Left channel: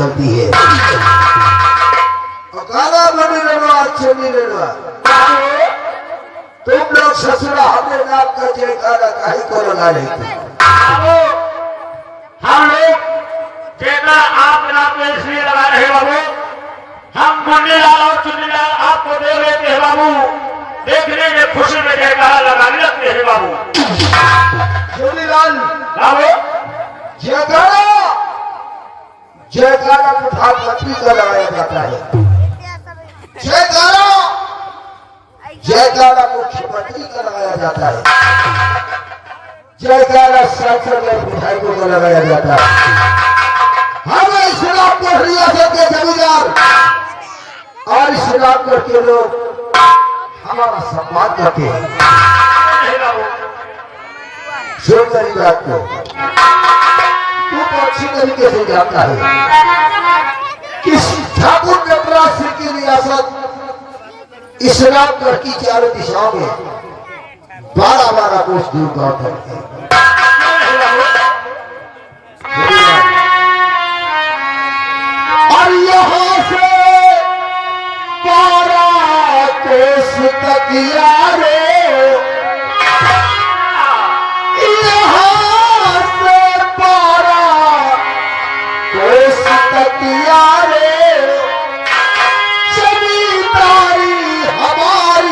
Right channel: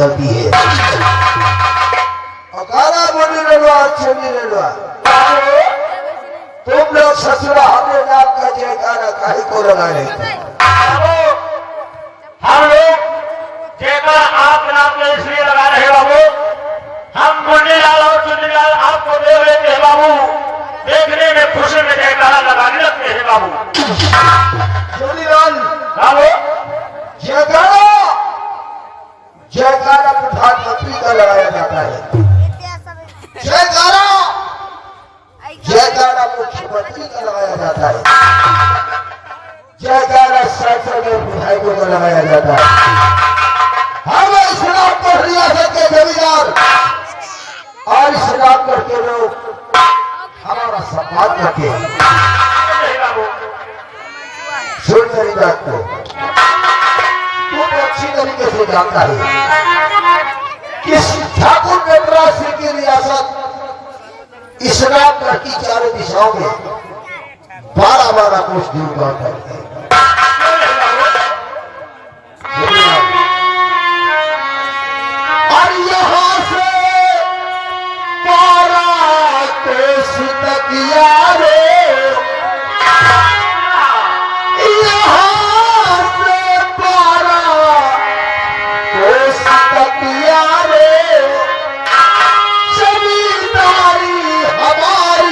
गलती है। अकारा बनी रहा अच्छे नहीं रहा। तुम लोग ससुरा हमें नाम का जयकारा काहे को लगा रहे थे? हम लोग जयकारा आप नाम में इसलिए लगा रहे बाबू, हम मुन्नीलाल और चुन्नीलाल आपको देख लेते हैं बाबू, देखने में खुशी में जयकारा लगाने लगते हैं बाबू। चुन्नीलाल बाबू जयकारा जयकारा प्रधानमंत्री का लगाया जाता है। जयकारा जयकारा मुख्यमंत्री का लगाया जाता है। जयकारा सांसद और विधायकों का लगाया जाता है। हम इस्लामपुर रियासत के जमींदार और इस्लामपुर के लोग हमारा सम्मान करते हैं। सुन मेरी बात को, तू तो अच्छी तरीके से जानता है कि ठाकुर नवराज की रियासत इस्लामगढ़ की चारों दिशाओं में 12-12 कोस दूर गांव तक है। और यहाँ से 12 कोस तक यारे, यहाँ से 12 कोस तक यारे, जमींदारी हमारी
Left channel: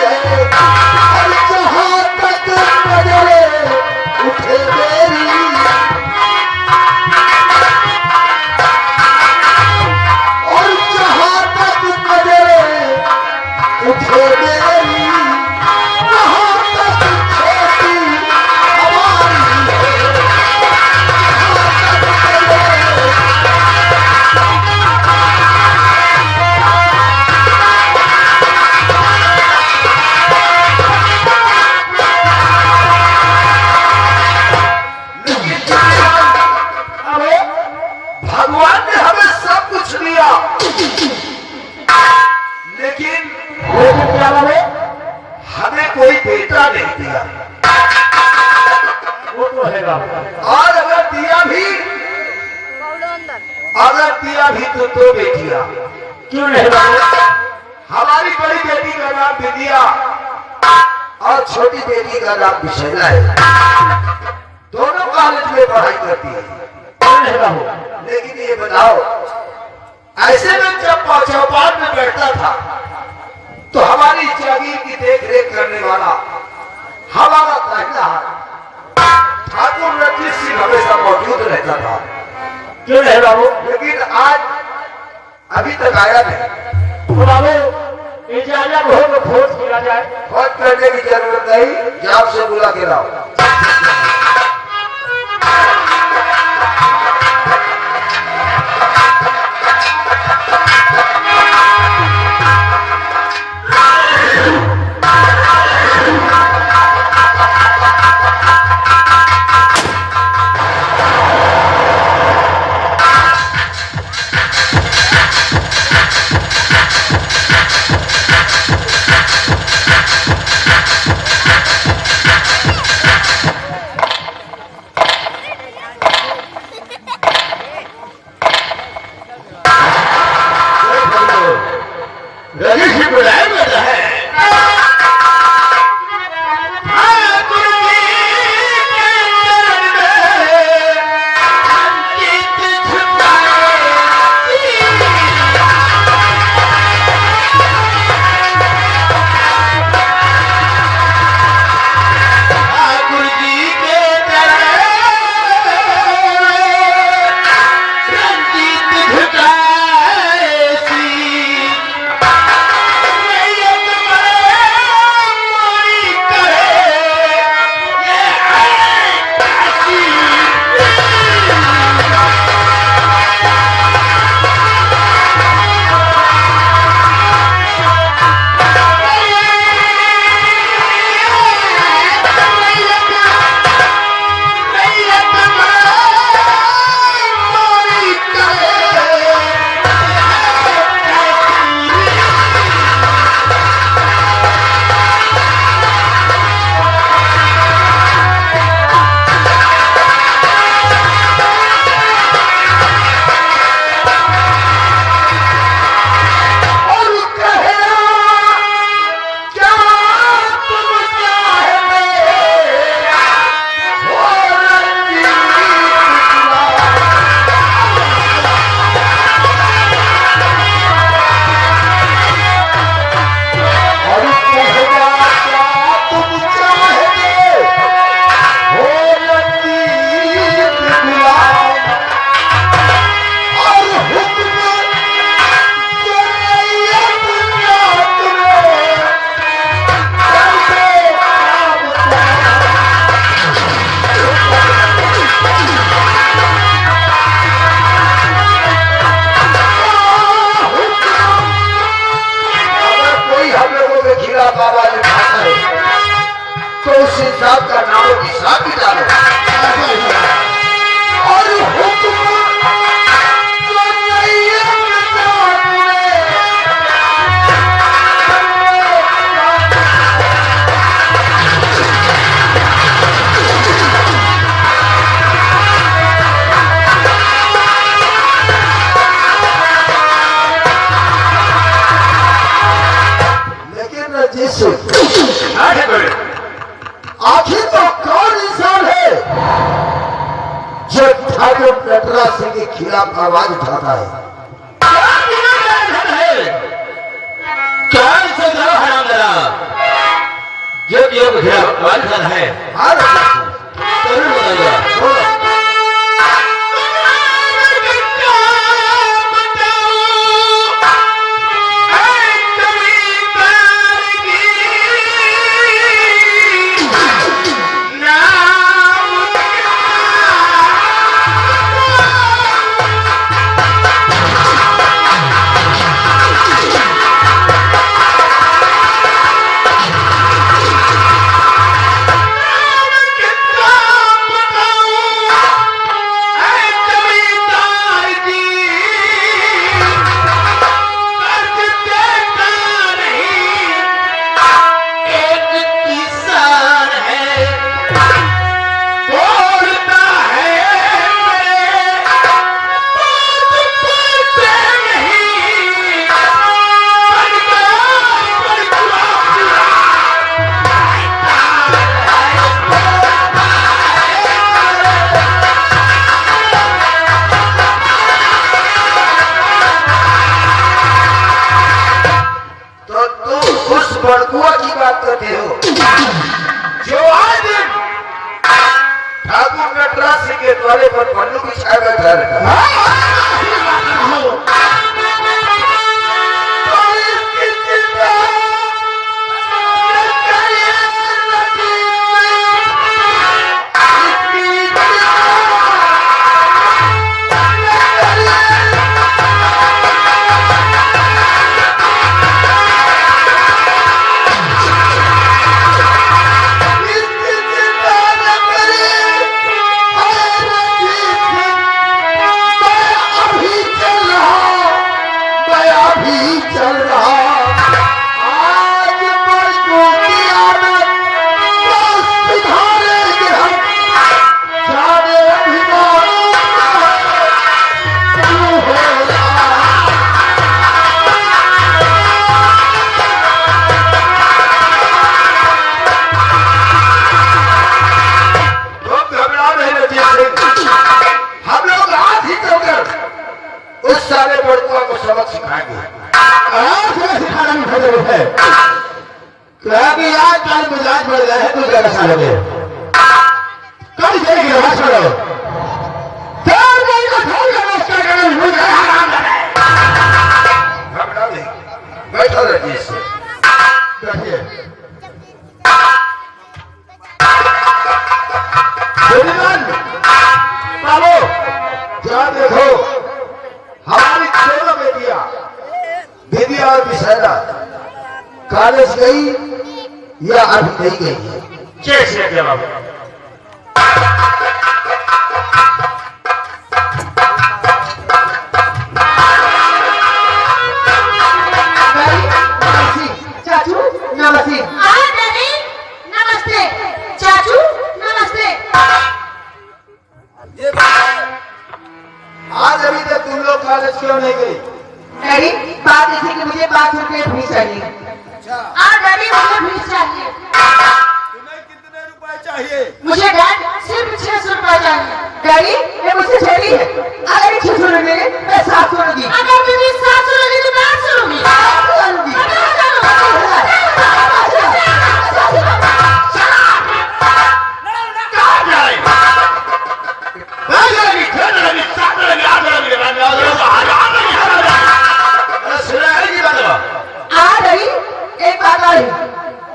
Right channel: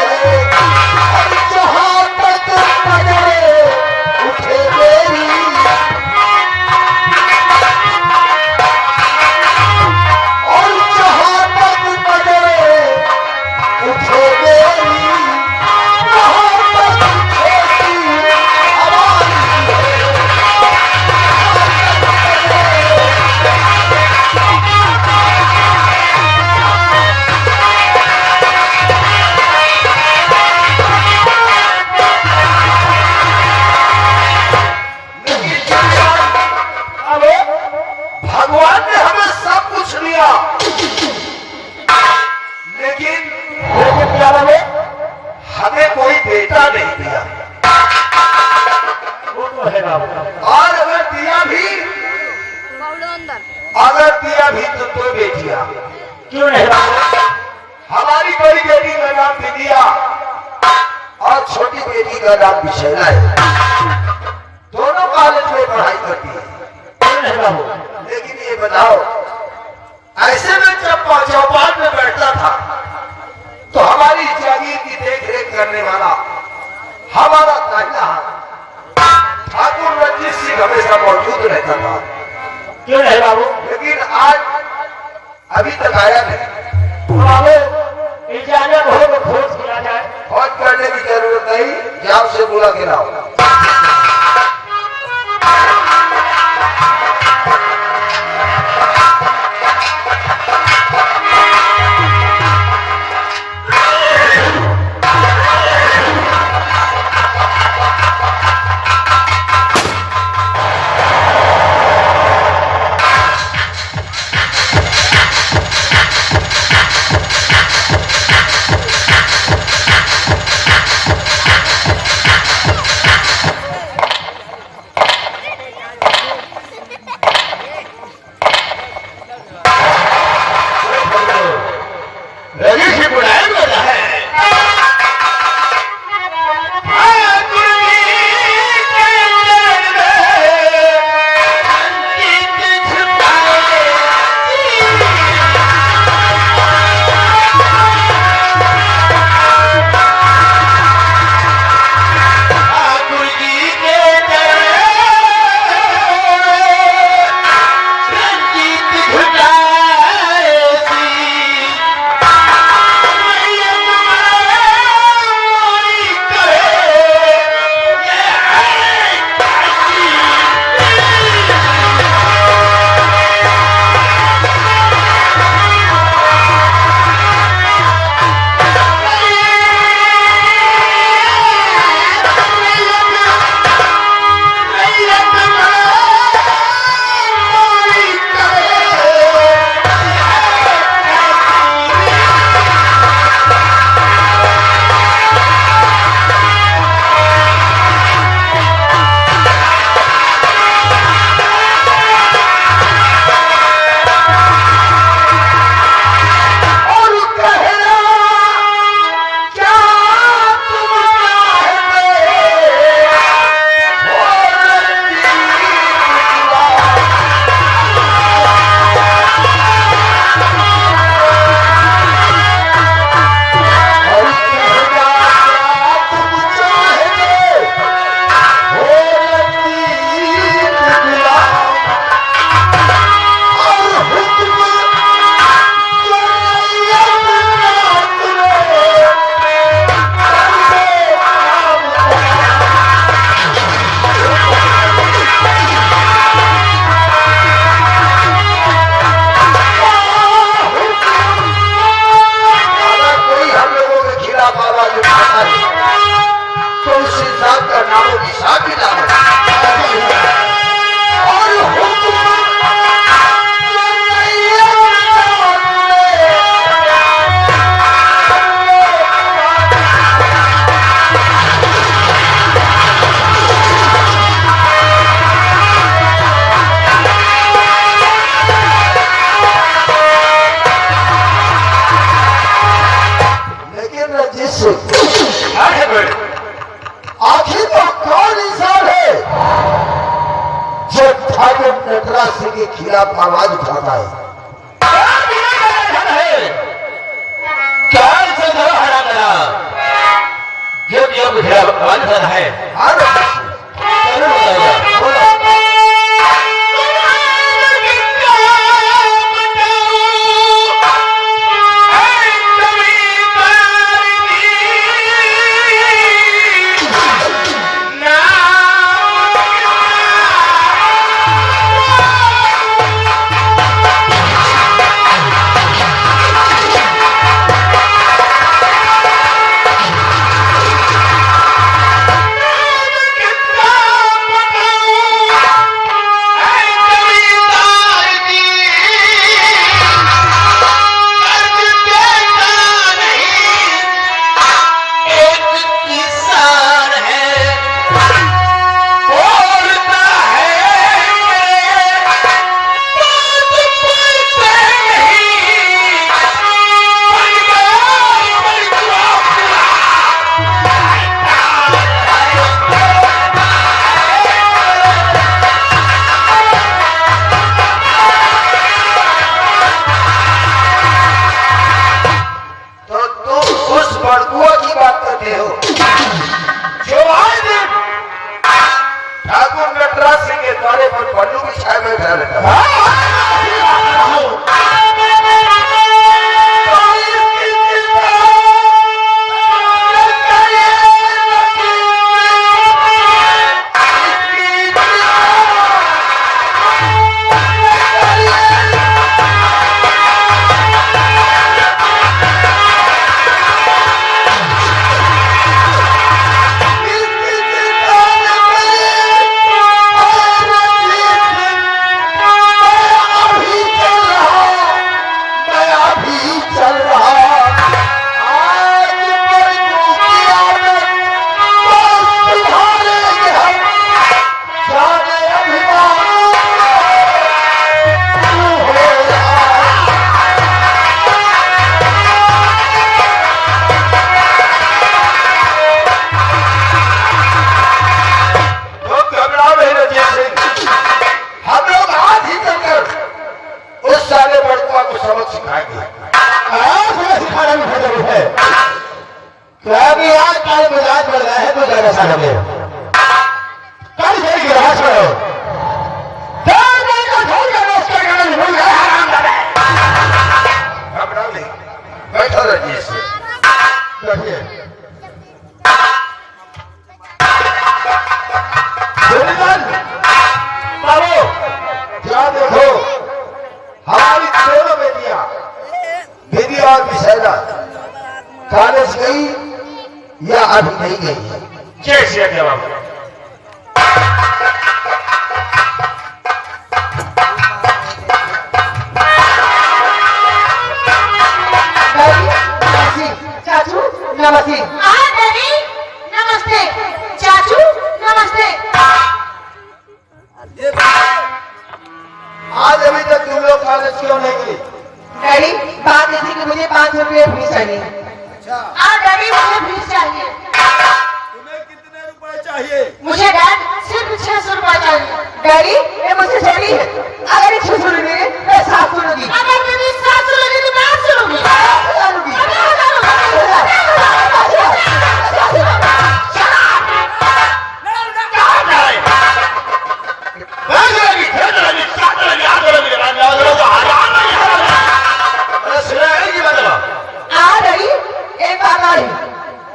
है। भगवान ने हमें सब कुछ दिया, लेकिन क्या बोले, हमें कोई बेटा नहीं दिया। वो तो है बाबा। और अगर दिया भी तो 2 बेटियां। क्यों नहीं बाबा? हमारी बड़ी बेटी का नाम विद्या और छोटी बेटी का नाम विशैला है। दोनों कॉलेज में पढ़ाई करती है। क्यों नहीं बाबा? लेकिन ये बताओ, ऐसे में जब चौपाल में बैठता था तो हमारी जागीर की देख रेख करने वाला हमारा दाहिना हाथ ठाकुर रंजीत सिंह हमेशा मौजूद रहता था। क्यों नहीं बाबू? लेकिन आज अभी तक आया नहीं। तो बाबू इजाजत हो तो खोज किया जाए। खोज करने की जरूरत नहीं, जाप से बुला के लाओ। उस इंसान का नामो निशान भी ना हो। और हुक्म तो नहीं है आखिर तो कौन इंसान है जो ठाकुर नटराज सिंह के खिलाफ आवाज उठाता है? क्या ऐसा करो हराम मेरा जो दिया मुझे आवाज कर है। हाँ जरूर बताइए। बोलो। बड़कुआ की बात करते हो जो आए दिन ठाकुर नटराज सिंह के द्वारे पर पन्नू बिछाए बैठा रहता है। बैठो रजिए से बैठिए। बाबू क्या देखो हमारी दोनों बेटियां विद्या और विशैला कॉलेज गई या अभी नहीं गई है? कैसे जवाब नमस्ते। हाँ दादी नमस्ते। चाचू नमस्ते। आज अभी तक तुम लोग कॉलेज क्यों नहीं गई? डैडी बात ऐसी कि मुझे 5 रुपये फीस चाहिए। हाँ डैडी मुझे फीस चाहिए। तुम्हें कितने रुपए चाहिए? मुझे डैड सिर्फ 600 रुपए चाहिए। डैडी ये मुझसे छोटी है, अगर 600 लूंगी मैं 700 लूंगी। अगर दीदी 700 लूंगी तो मैं 800 लूंगी। एक बात और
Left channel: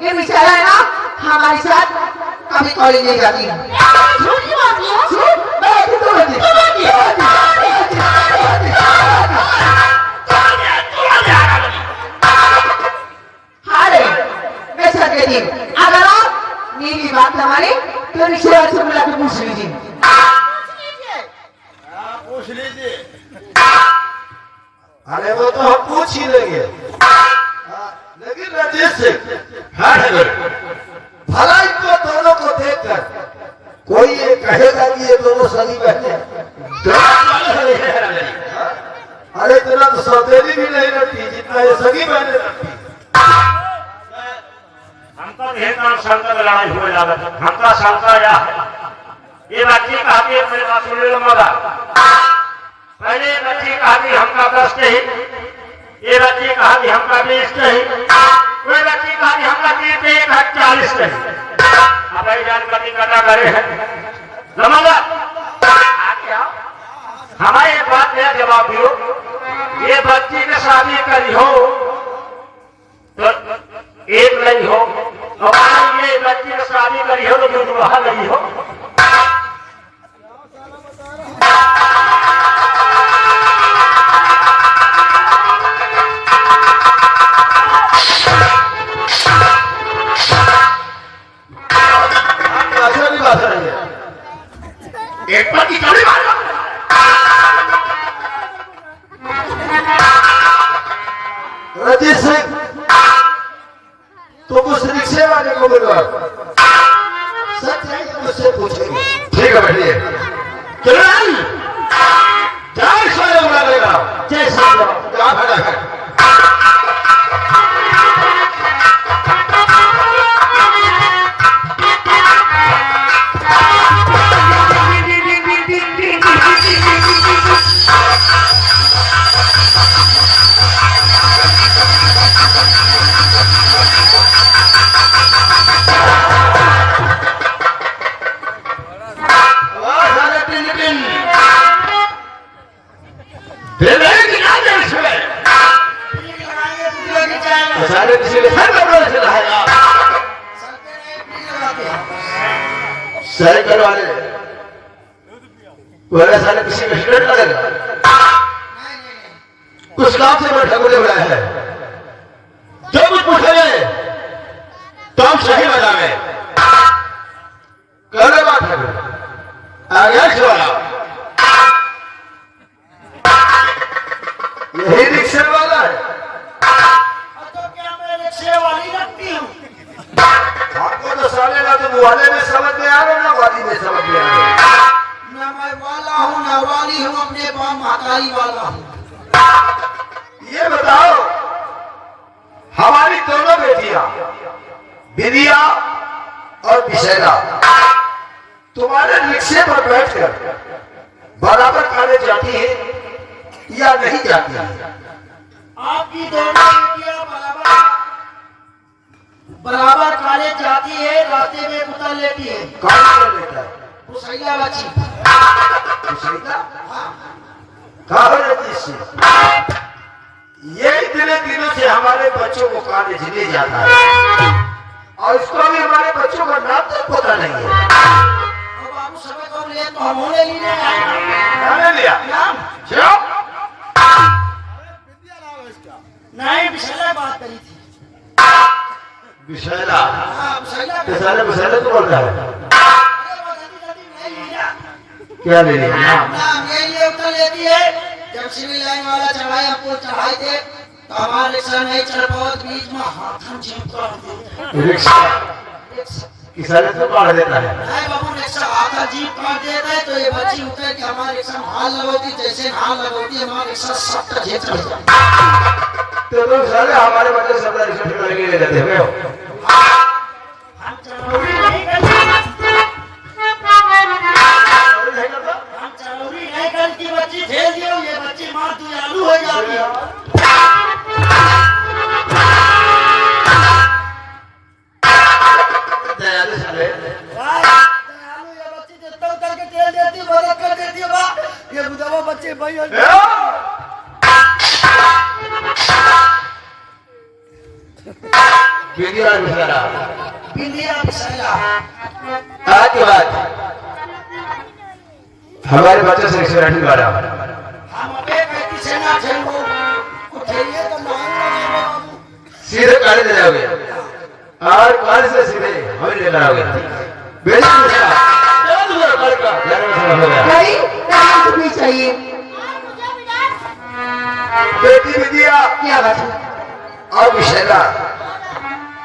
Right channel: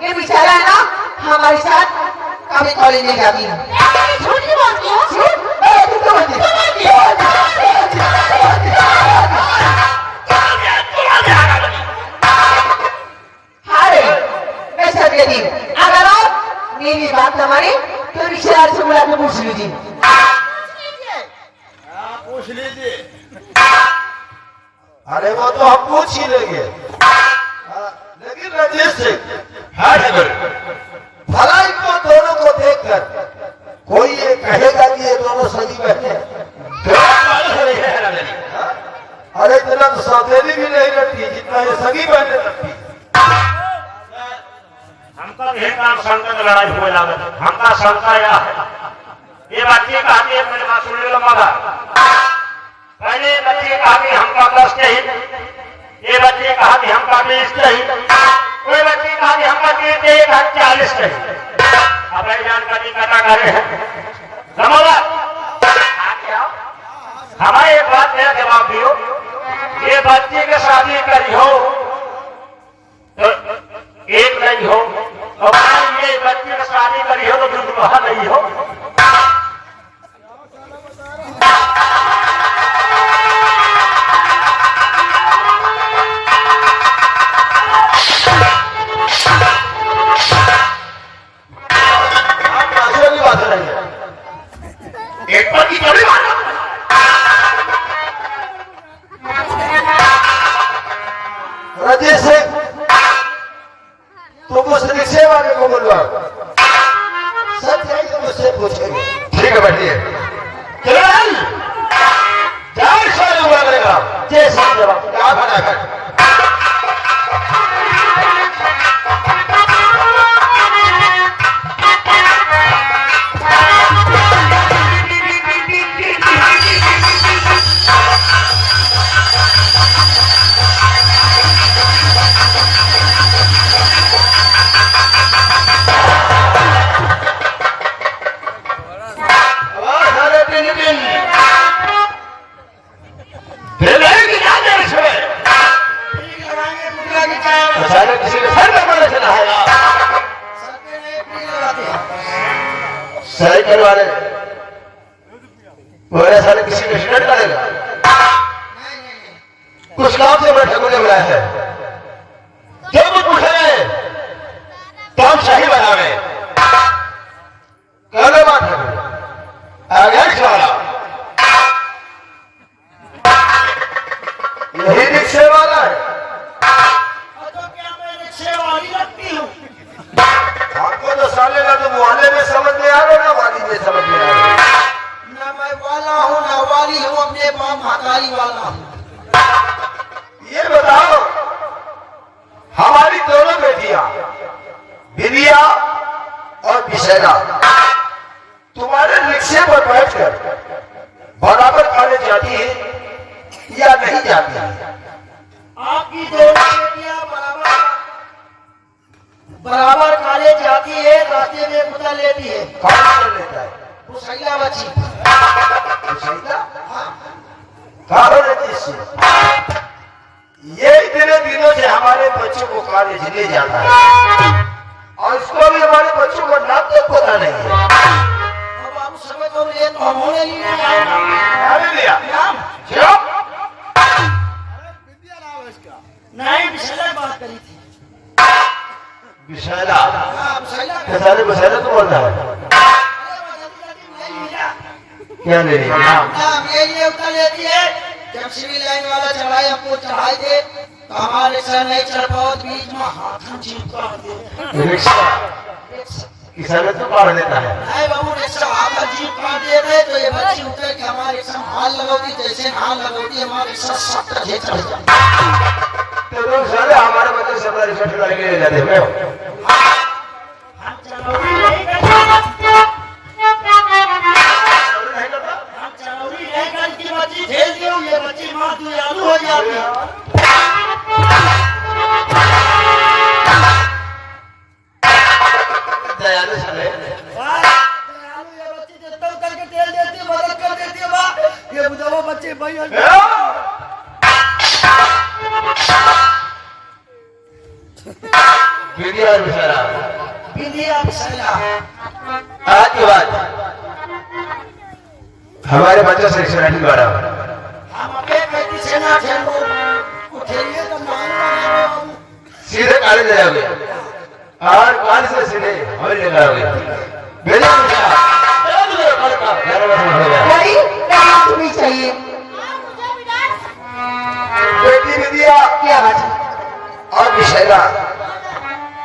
ये बेचारा है ना हमारे साथ कभी कॉलेज नहीं जाती है। झूठ की बात है। हाँ रे मैं सच कहती हूँ, अगर आप मेरी बात न माने तो रिश्तेदार से बुला के पूछ लीजिए। पूछ लीजिए। अरे वो तो हम पूछ ही लेंगे, लेकिन रंजीत सिंह हाँ ठाकुर। भला इनको दोनों को देखकर कोई ये कहेगा कि ये दोनों सगी बहने हैं? अरे इतना तो सौतेली भी नहीं लगती जितना ये सगी बहने लगती। हमका भी काम शंका में लड़ाई हुए लागत है। हमका शंका यह है, ये बच्ची कहती है मेरे पास सुन लो माता, पहले ये बच्ची कहा कि हमका 10 के ही, ये बच्ची कहा कि हमका 20 के ही, कोई बच्ची कहा कि हमका 30 के ही, 40 के ही। अब एक जानकारी कटा करे हैं समझा। हमारे एक बात मेरा जवाब दियो, ये बच्ची की शादी करी हो तो एक नहीं हो, और ये बच्ची की शादी करी हो तो दूसरा नहीं हो। बात नहीं है, एक पर की थोड़ी बात। रंजीत सिंह तुम उस रिक्शे वाले को बुलवा, सब जाइए मुझसे पूछेंगे। ठीक है बैठिए। जाए सारे बुला लेगा जैसा जवाब क्या भला है। अचानक किसी ने सर पर चला है, सही करवा ले, बोले साले किसी का स्टूडेंट करेगा, कुछ काम से बैठा बोले बुलाया है, जो कुछ पूछेंगे तो हम सही बतावे। कहने बात है आगे चला, यही रिक्शे वाला है। आपको तो साले ना तो वाले में समझ में आ रहे ना वाली में समझ में आ रहे। ना मैं वाला हूँ ना वाली हूँ, अपने पाँव महाकाली वाला हूँ। ये बताओ हमारी दोनों बेटियां बिदिया और बिशैला तुम्हारे रिक्शे पर बैठकर बराबर खाने जाती है या नहीं जाती है? आपकी दोनों बेटियां बराबर कॉलेज जाती है, रास्ते में उतर लेती है। कौन कर लेता है? मुसैला बच्ची मुसैला? कहाँ रहती है इससे? ये इतने दिनों से हमारे बच्चों को कॉलेज ले जाता है और इसको भी हमारे बच्चों का नाम तक पता नहीं है। और बाबू समय को ले तो हम होने ही नहीं आए। अरे लिया नाम चुप। नहीं मुसैला बात करी थी। बिशैला हाँ मुसैला बेचारे बिशैला तो बोल रहा है क्या ले लिया नाम? नाम ये उतर लेती है। जब सिविल लाइन वाला चढ़ाए हमको चढ़ाए थे तो हमारा रिक्शा नहीं चल पाओ, बीच में हाथ जीप कर रिक्शा किसाने तो काट देता है। नहीं बाबू रिक्शा हाथ जीप काट दे गए तो ये बच्ची उतर के हमारे रिक्शा में हाथ लगोती, जैसे हाथ लगोती हमारा रिक्शा सब तरह चढ़ जाता। तो तुम साले हमारे बच्चे से अपना रिक्शा चुरा के ले जाते हो। हम चलौरी नहीं करती, हम चलौरी नहीं करती, बच्ची भेज दियो, ये बच्ची माँ दयालु हो जाती है। दयालु साले दयालु ये बच्ची जितना करके तेल देती है, मदद कर देती है माँ। ये बुझावा बच्चे भाई बिदिया और बिशैला बिंदिया बिशैला आज के बाद हमारे बच्चों से रिक्शा नहीं मारा। हम अपने बेटी से ना खेलो, उठेंगे तो मांग लगे बाबू। सीधे कॉलेज ले जाओगे और कॉलेज से सीधे हमें खबर लेकर आओगे बेटा डैडी डांस भी चाहिए। बेटी विद्या क्या बात है? और विशैला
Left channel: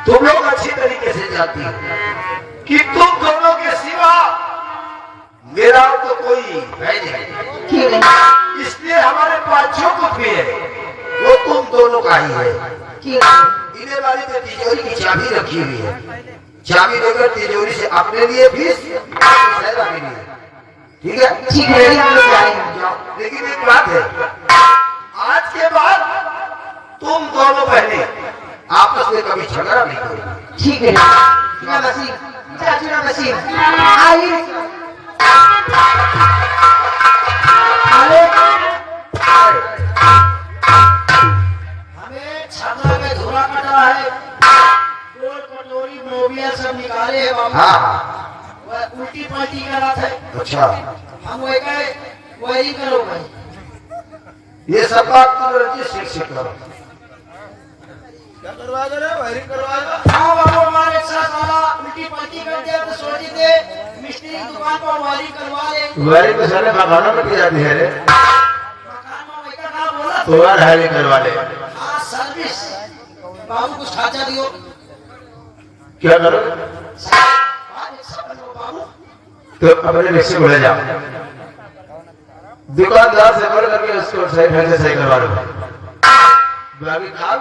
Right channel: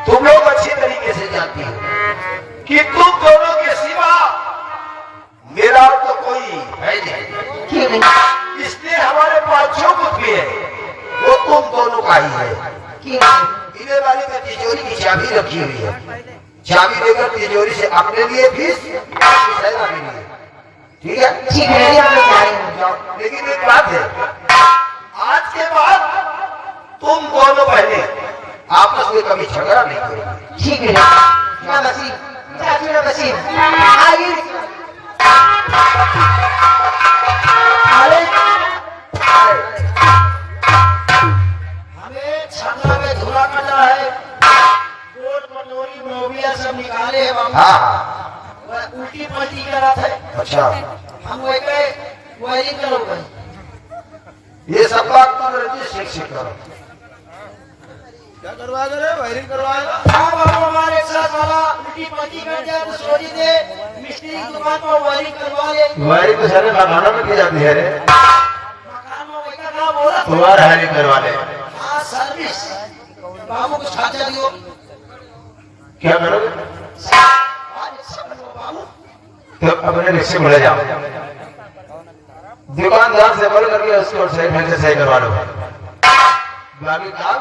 तुम लोग अच्छी तरीके से जानती हो कि तुम दोनों के सिवा मेरा तो कोई है नहीं। क्यों नहीं? इसलिए हमारे पास जो कुछ भी है वो तुम दोनों का ही है। क्यों नहीं? इन्हें वाली में तिजोरी की चाबी रखी हुई है, चाबी लेकर तिजोरी से अपने लिए भी विशैला के लिए, ठीक है? ठीक है डैडी, हम लोग जा रहे हैं। लेकिन एक बात है, आज के बाद तुम दोनों बहने आपस में कभी झगड़ा नहीं करोगे। ठीक है ना बसीर, चाचू ना बसीर, आइए हमें छाता में धुला कट रहा है, गोल कटोरी मोबिया सब निकाले हैं बाबू। हाँ वह उल्टी पलटी कर रहा था, अच्छा, हम वही गए वही करो गए। ये सब बात तुम रंजित शेख से करो। क्या करवा दे रहे वायरिंग करवाएगा? हाँ बाबू, हमारे साथ वाला उल्टी पलटी कर दिया तो सोची थे मिस्त्री की दुकान पर वायरिंग करवा ले। वायरिंग तो सारे मकानों में की जाती है रे, मकान में वही का काम बोला तो वायरिंग करवा ले। हाँ सर्विस। बाबू कुछ खाचा दियो। क्या करोगे? बाबू तो अपने रिक्शे में ले जाओ, दुकानदार से बोल करके उसको सही ढंग से सही करवा लो, बाकी काम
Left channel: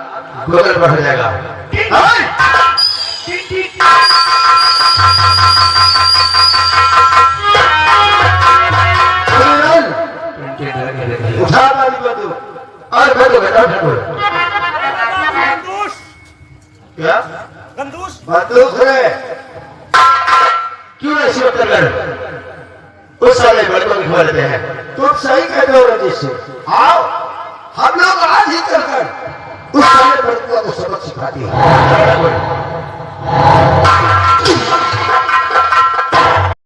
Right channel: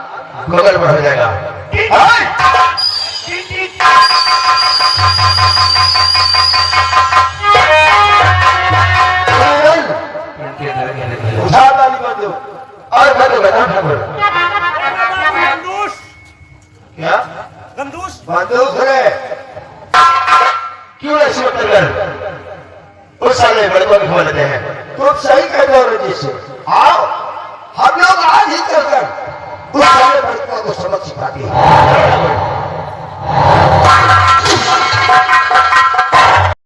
गूगल पर हो जाएगा। उठा वाली बंदूक और बैठो बैठो ठाकुर। क्या बंदूक है? क्यों ऐसी बदतर उस समय लड़कों को बोलते हैं? तुम सही कहते हो रंजित से, आओ हम लोग आज ही कर उस समय लड़कों को सबक सिखाती है।